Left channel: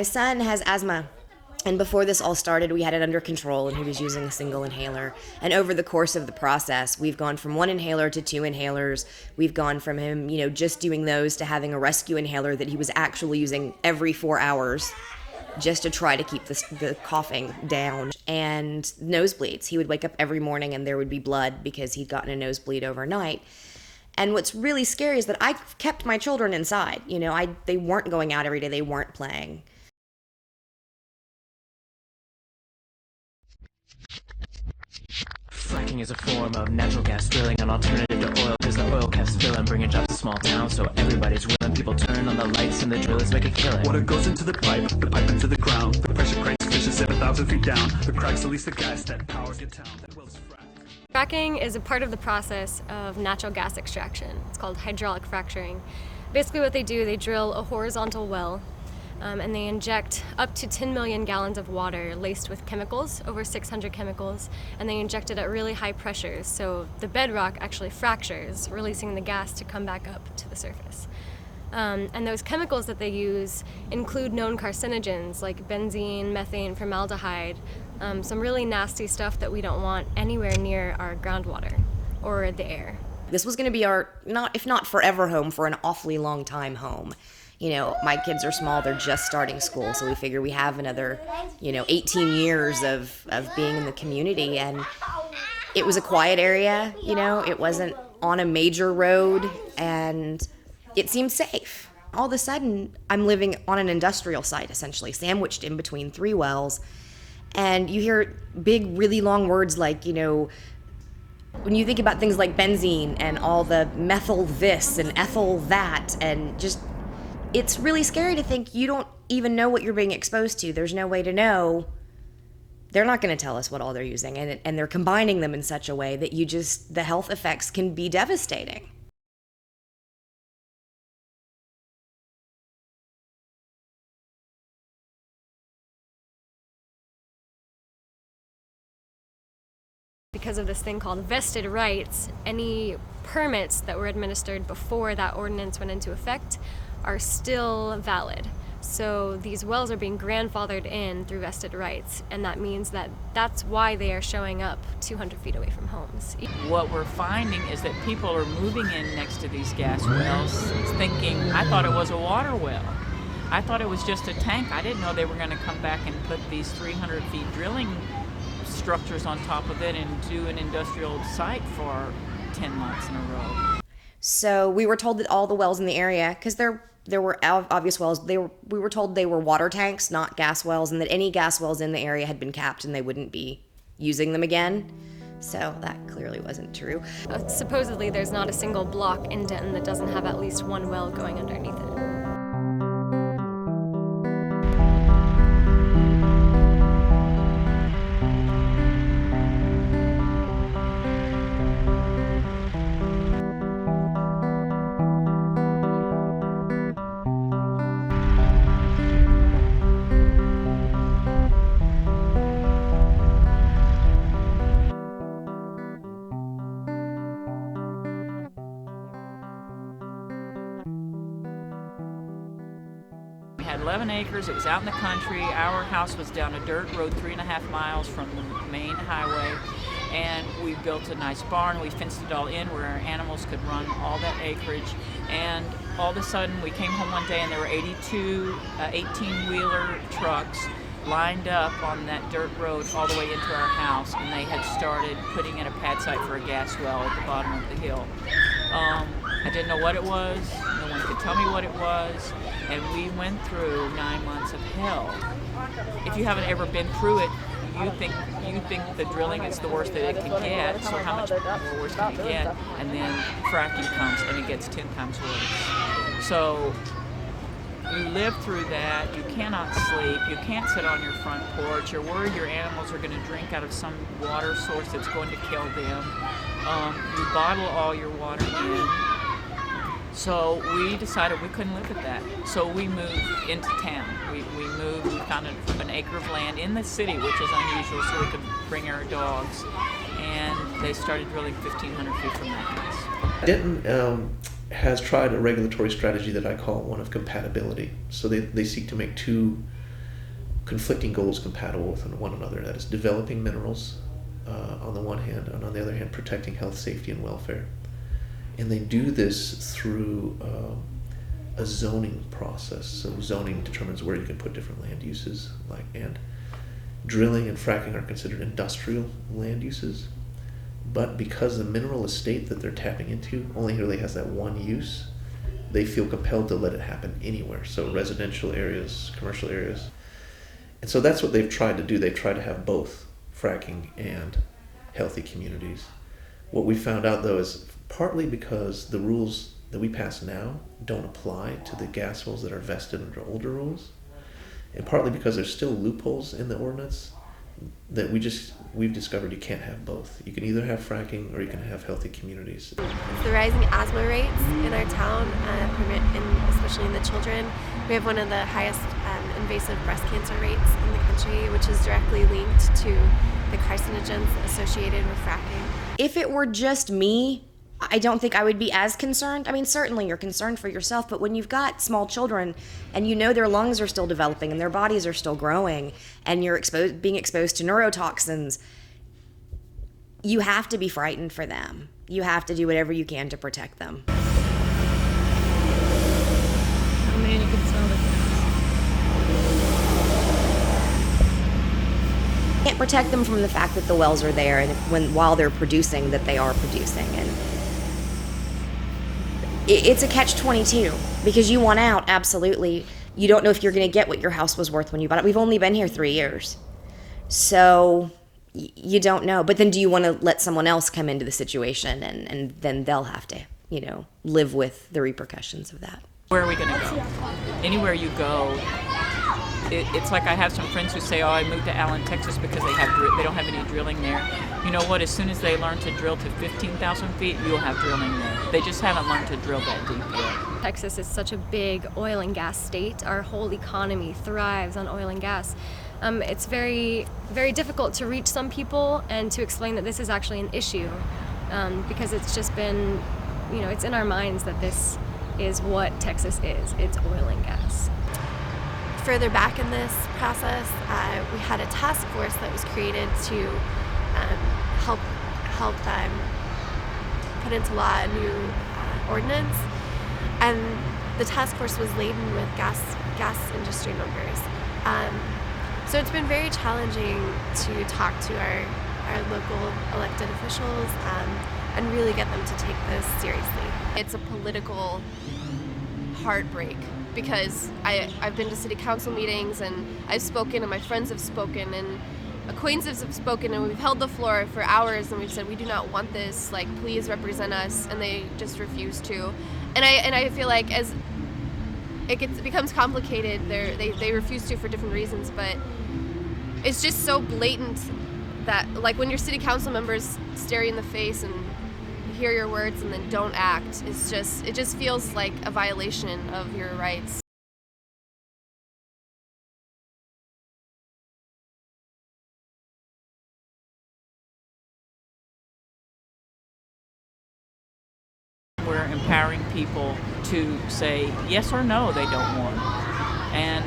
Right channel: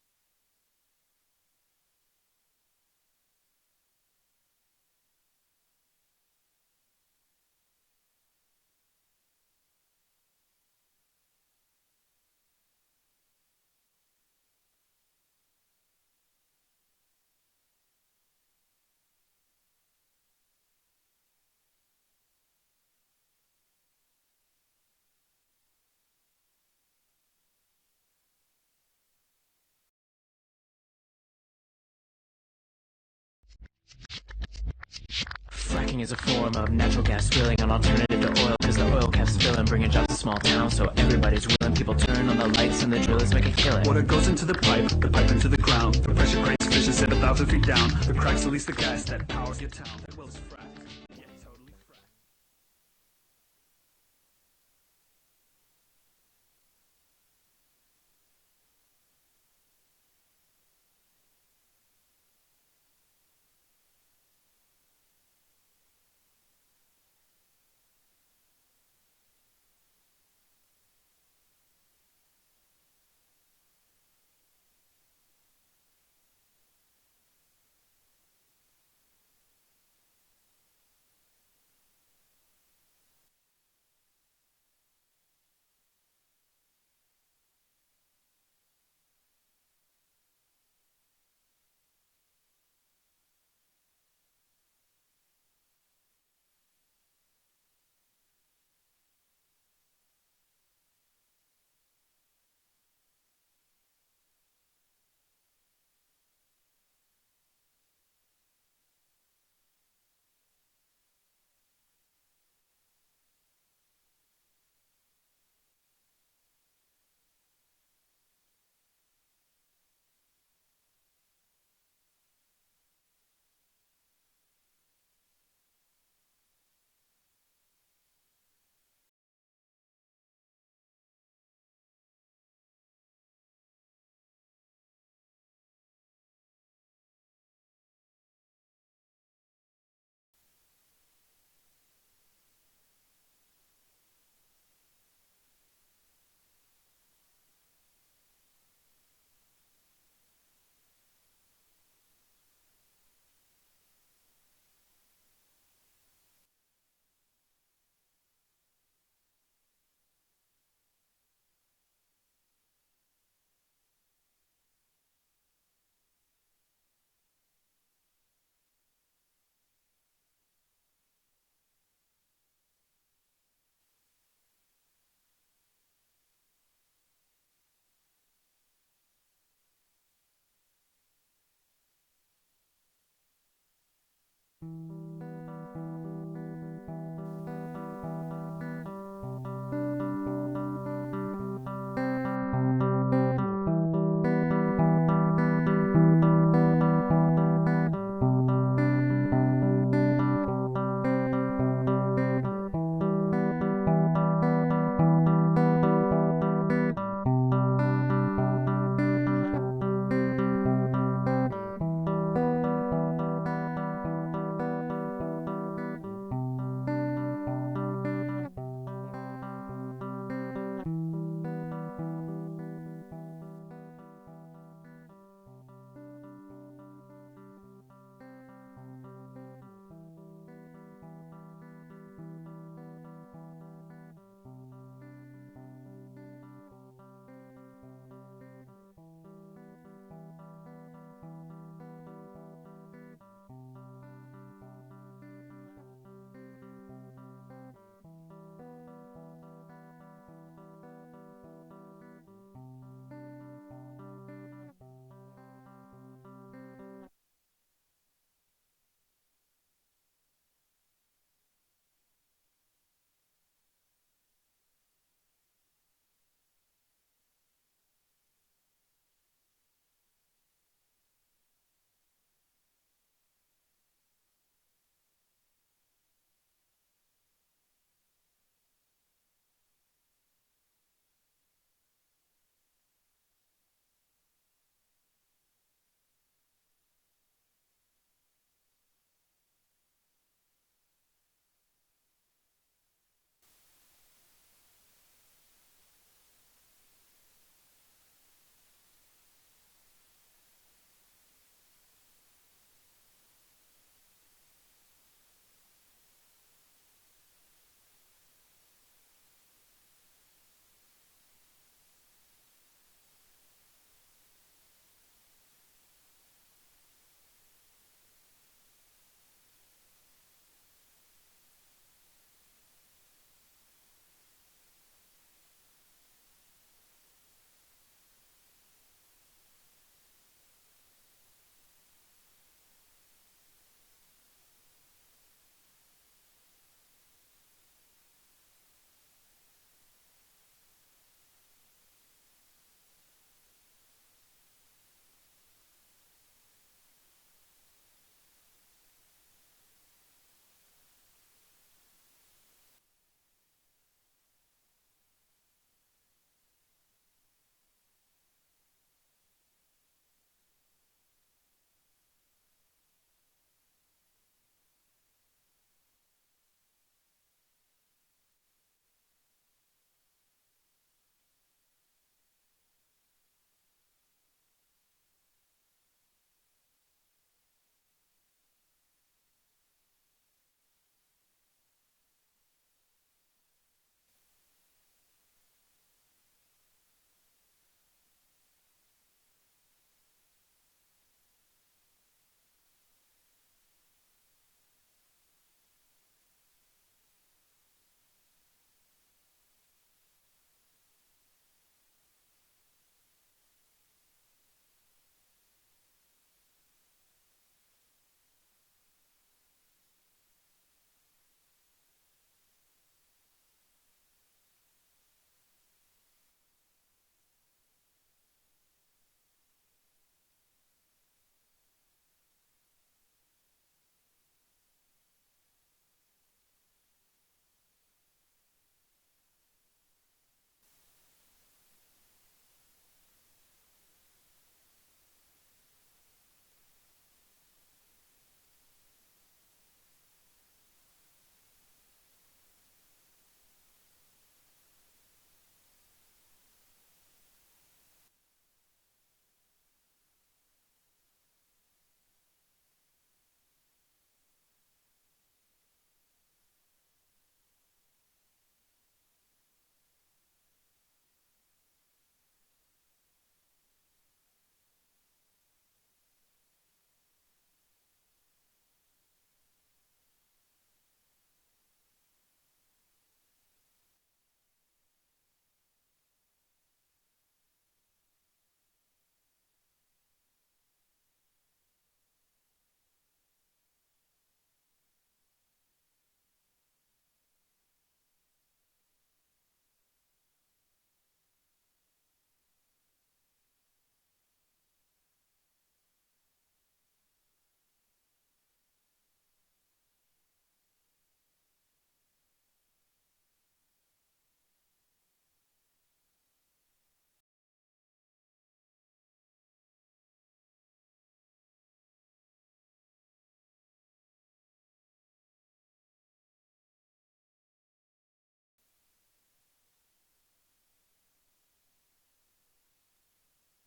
my son has asthma. And before this all started, we had it under control, and he was using a single inhaler. And over the course of the process, we've gone from 1 inhaler to 2 inhalers. We've gone from him, just doing those to having a rescue inhaler that he was actually using every 4 hours just to try to keep the coughing down. And nosebleeds. He would wake up every morning and there would be blood because he'd gotten a nosebleed overnight. And what's really scary is that I kept my children inside. They weren't going out every day. They weren't playing. Fracking is a form of natural gas drilling, an alternative to oil, because the oil caps fill and bringing jobs to small towns, so everybody's willing. People turn on the lights and the drill is making killing. Water goes into the pipe into the ground. The pressure cranks fishes at 1,000 feet down. The cracks release the gas that powers your town. Fracking is a part of the process of natural gas extraction. It's called hydraulic fracturing. Basically what they do, they drill a horizontal well, and they inject up to 10 million gallons of water laced with chemicals, over 600 chemicals, and they inject it at really high pressures, so the bedrock actually fractures, releasing the gas to come back up to the surface. And those chemicals that they use include known carcinogens like benzene, methane, formaldehyde, some really nasty stuff that we don't want anywhere near our groundwater or the air. This was going to be our, if not forever home, for an awfully long time home. My kids are small, they're just starting school, so we figure we have another, 18 years of being in the community. And it was a quiet area, it wasn't on a major road, and it seemed safe. All of a sudden, I'm living on an industrial site, essentially, sandwiched in between 3 wells, and you hear big, really long words like, when you think about things like benzene and all the methyl this and ethyl that, and just, it's really scary to think you don't even know what you're being exposed to. There's no way to know. They're not going to tell us what all they're using, and they're combining them in such a way that the health effects can be devastating. Because of this thing called vested rights, any permits that were administered before that ordinance went into effect are still valid. So these wells are being grandfathered in through vested rights, and that means that's why they are showing up 200 feet away from homes. What we're finding is that people are moving in next to these gas wells thinking, I thought it was a water well. I thought it was just a tank. I didn't know they were going to come back and put these 300 feet drilling structures on top of it and do an industrial site for 10 months in a row. So we were told that all the wells in the area, because there were obvious wells, we were told they were water tanks, not gas wells, and that any gas wells in the area had been capped and they wouldn't be using them again. So that clearly wasn't true. Supposedly there's not a single block in Denton that doesn't have at least one well going underneath it. We had 11 acres, it was out in the country. Our house was down a dirt road 3.5 miles from the main highway, and we built a nice barn. We fenced it all in where our animals could run all that acreage, and all of a sudden we came home one day and there were 82 18-wheeler trucks lined up on that dirt road all the way into our house, and they had started putting in a pad site for a gas well at the bottom of the hill. I didn't know what it was, no one could tell me what it was, and we went through 9 months of hell. If you haven't ever been through it, you think the drilling is the worst that it can get, so how much more worse can it get? And then fracking comes and it gets 10 times worse. So you live through that, you cannot sleep, you can't sit on your front porch, you're worried your animals are going to drink out of some water source that's going to kill them. You bottle all your water in. So we decided we couldn't live with that. So we moved into town. We found an acre of land in the city, which is unusual, so we could bring our dogs. And they started drilling 1,500 feet from that house. Denton has tried a regulatory strategy that I call one of compatibility. So they seek to make two conflicting goals compatible with one another. That is developing minerals on the one hand, and on the other hand, protecting health, safety, and welfare. And they do this through a zoning process. So zoning determines where you can put different land uses, and drilling and fracking are considered industrial land uses. But because the mineral estate that they're tapping into only really has that one use, they feel compelled to let it happen anywhere. So residential areas, commercial areas. And so that's what they've tried to do. They've tried to have both fracking and healthy communities. What we found out, though, is partly because the rules that we pass now don't apply to the gas wells that are vested under older rules, and partly because there's still loopholes in the ordinance that we've discovered you can't have both. You can either have fracking or you can have healthy communities. It's the rising asthma rates in our town, especially in the children. We have one of the highest invasive breast cancer rates in the country, which is directly linked to the carcinogens associated with fracking. If it were just me, I don't think I would be as concerned. I mean, certainly you're concerned for yourself, but when you've got small children and you know their lungs are still developing and their bodies are still growing and you're being exposed to neurotoxins, you have to be frightened for them. You have to do whatever you can to protect them. Oh man, you can smell the You can't protect them from the fact that the wells are there and while they're producing, that they are producing. And it's a catch-22 because you want out, absolutely. You don't know if you're going to get what your house was worth when you bought it. We've only been here 3 years. So you don't know. But then do you want to let someone else come into the situation and then they'll have to, live with the repercussions of that? Where are we going to go? Anywhere you go, it's like I have some friends who say, I moved to Allen, Texas because they don't have any drilling there. You know what? As soon as they learn to drill to 15,000 feet, you'll have drilling there. They just haven't learned to drill that deep yet. Texas is such a big oil and gas state. Our whole economy thrives on oil and gas. It's very, very difficult to reach some people and to explain that this is actually an issue because it's just been, it's in our minds that this is what Texas is. It's oil and gas. Further back in this process, we had a task force that was created to help put into law a new ordinance, and the task force was laden with gas industry members. So it's been very challenging to talk to our local elected officials and really get them to take this seriously. It's a political heartbreak because I've been to city council meetings and I've spoken and my friends have spoken and acquaintances have spoken and we've held the floor for hours and we've said we do not want this, please represent us, and they just refuse to. And I feel like as it becomes complicated, they refuse to for different reasons, but it's just so blatant that when your city council members stare you in the face and hear your words and then don't act, it just feels like a violation of your rights. We're empowering people to say yes or no they don't want. And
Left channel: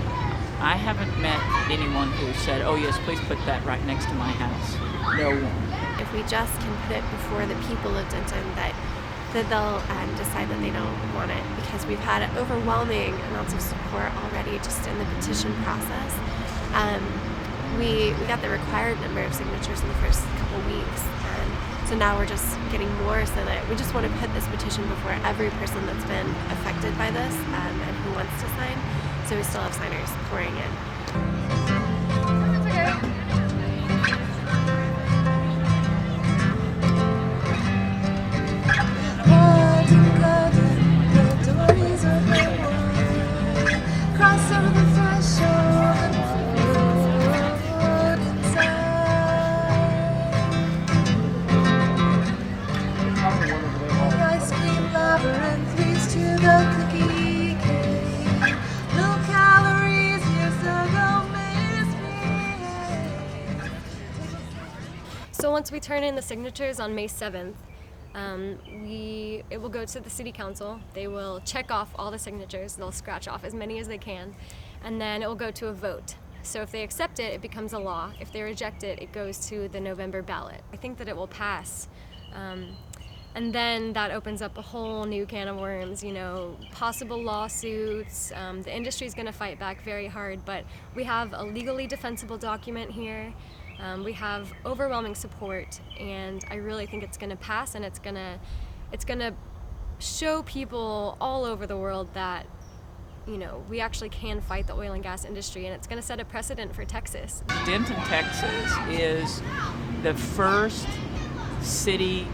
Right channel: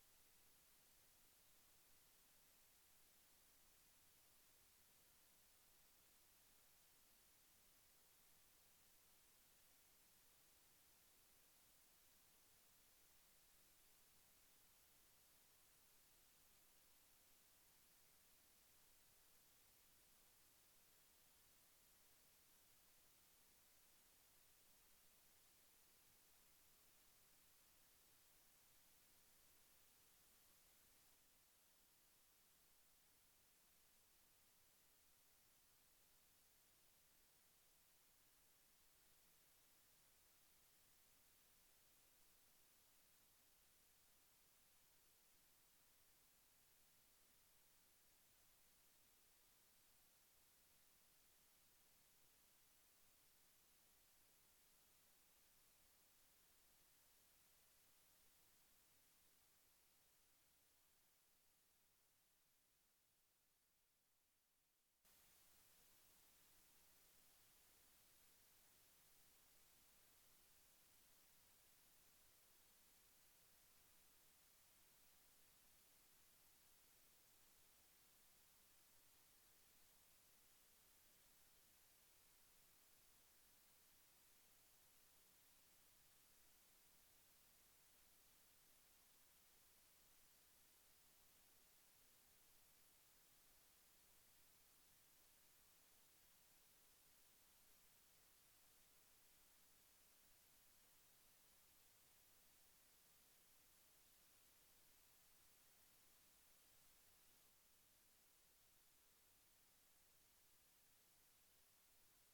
I haven't met anyone who said, oh yes, please put that right next to my house. No one. If we just can put it before the people of Denton that they'll decide that they don't want it, because we've had overwhelming amounts of support already just in the petition process. We got the required number of signatures in the first couple weeks, and so now we're just getting more, so that we just want to put this petition before every person that's been affected by this and who wants to sign. So we still have signers pouring in. So once we turn in the signatures on May 7th, it will go to the city council. They will check off all the signatures. They'll scratch off as many as they can, and then it will go to a vote. So if they accept it, it becomes a law. If they reject it, it goes to the November ballot. I think that it will pass. And then that opens up a whole new can of worms, possible lawsuits. The industry's going to fight back very hard, but we have a legally defensible document here. We have overwhelming support, and I really think it's going to pass, and it's going to show people all over the world that we actually can fight the oil and gas industry, and it's going to set a precedent for Texas. Denton, Texas is the first city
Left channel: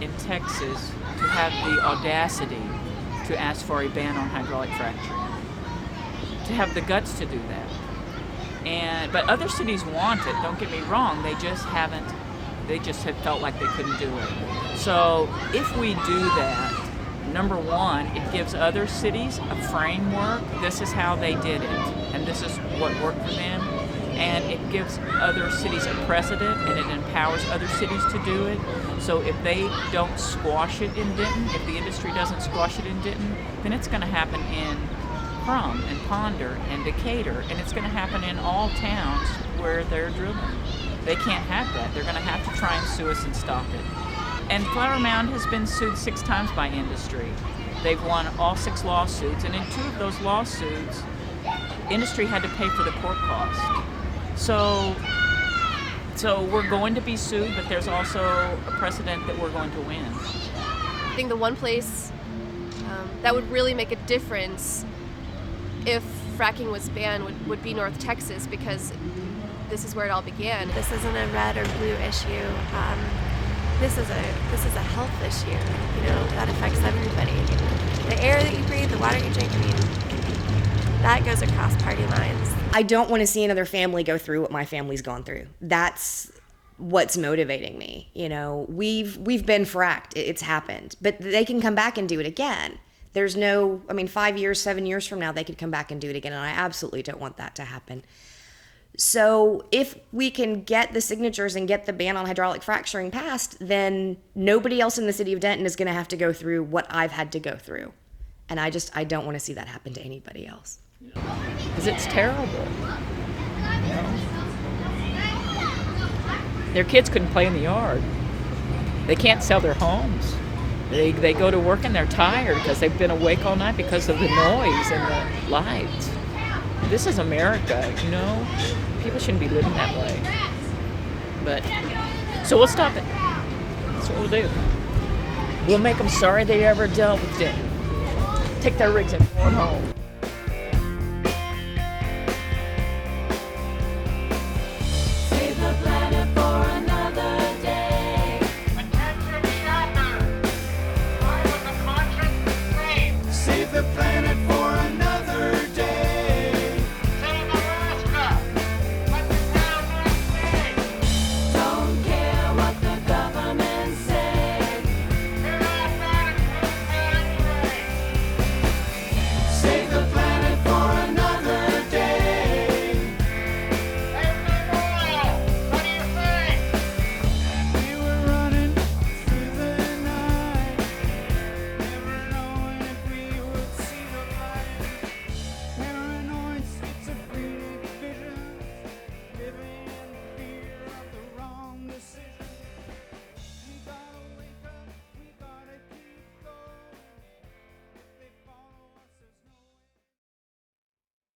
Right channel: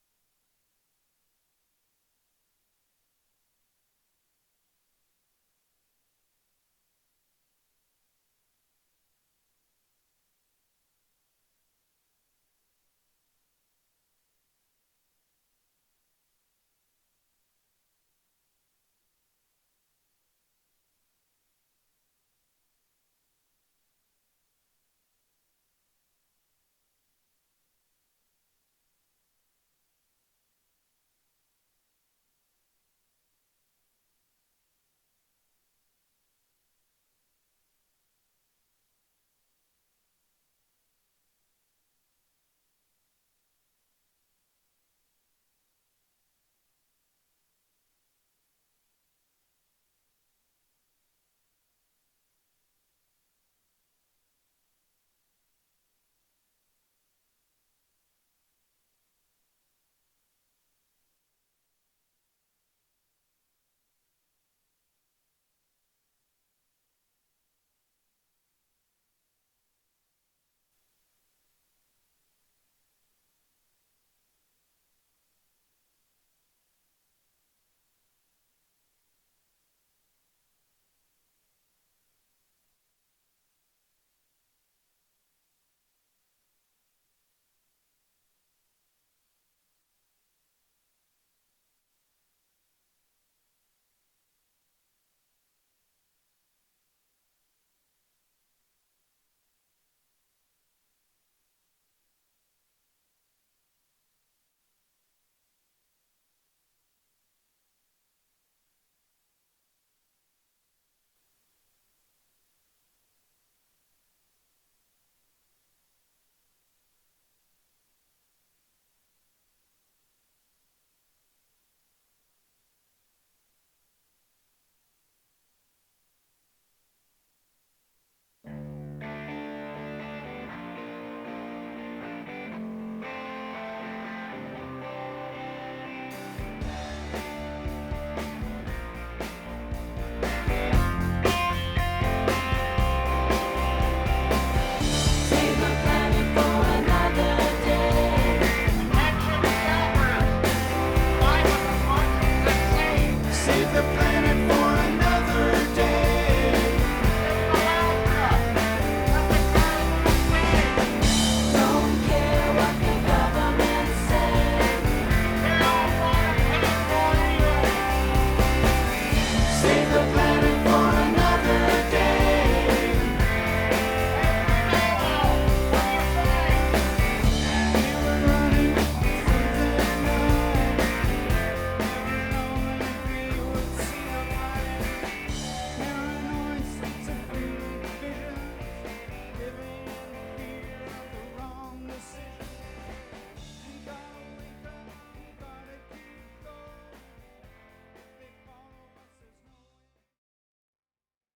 in Texas to have the audacity to ask for a ban on hydraulic fracturing, to have the guts to do that. But other cities want it, don't get me wrong, they just have felt like they couldn't do it. So if we do that, number one, it gives other cities a framework. This is how they did it, and this is what worked for them. And it gives other cities a precedent, and it empowers other cities to do it. So if they don't squash it in Denton, if the industry doesn't squash it in Denton, then it's going to happen in Crum and Ponder and Decatur, and it's going to happen in all towns where they're drilling. They can't have that. They're going to have to try and sue us and stop it. And Flower Mound has been sued 6 times by industry. They've won all 6 lawsuits, and in 2 of those lawsuits, industry had to pay for the court cost. So we're going to be sued, but there's also a precedent that we're going to win. I think the one place that would really make a difference if fracking was banned would be North Texas, because this is where it all began. This isn't a red or blue issue. This is a health issue. That affects everybody. The air that you breathe, the water you drink, that goes across party lines. I don't want to see another family go through what my family's gone through. That's what's motivating me. We've been fracked. It's happened. But they can come back and do it again. There's 5 years, 7 years from now, they could come back and do it again, and I absolutely don't want that to happen. So if we can get the signatures and get the ban on hydraulic fracturing passed, then nobody else in the city of Denton is going to have to go through what I've had to go through. And I don't want to see that happen to anybody else. Because it's terrible. Their kids couldn't play in the yard. They can't sell their homes. They go to work and they're tired because they've been awake all night because of the noise and the lights. This is America, People shouldn't be living that way. So we'll stop it. That's what we'll do. We'll make them sorry they ever dealt with it. Take their rigs and go home.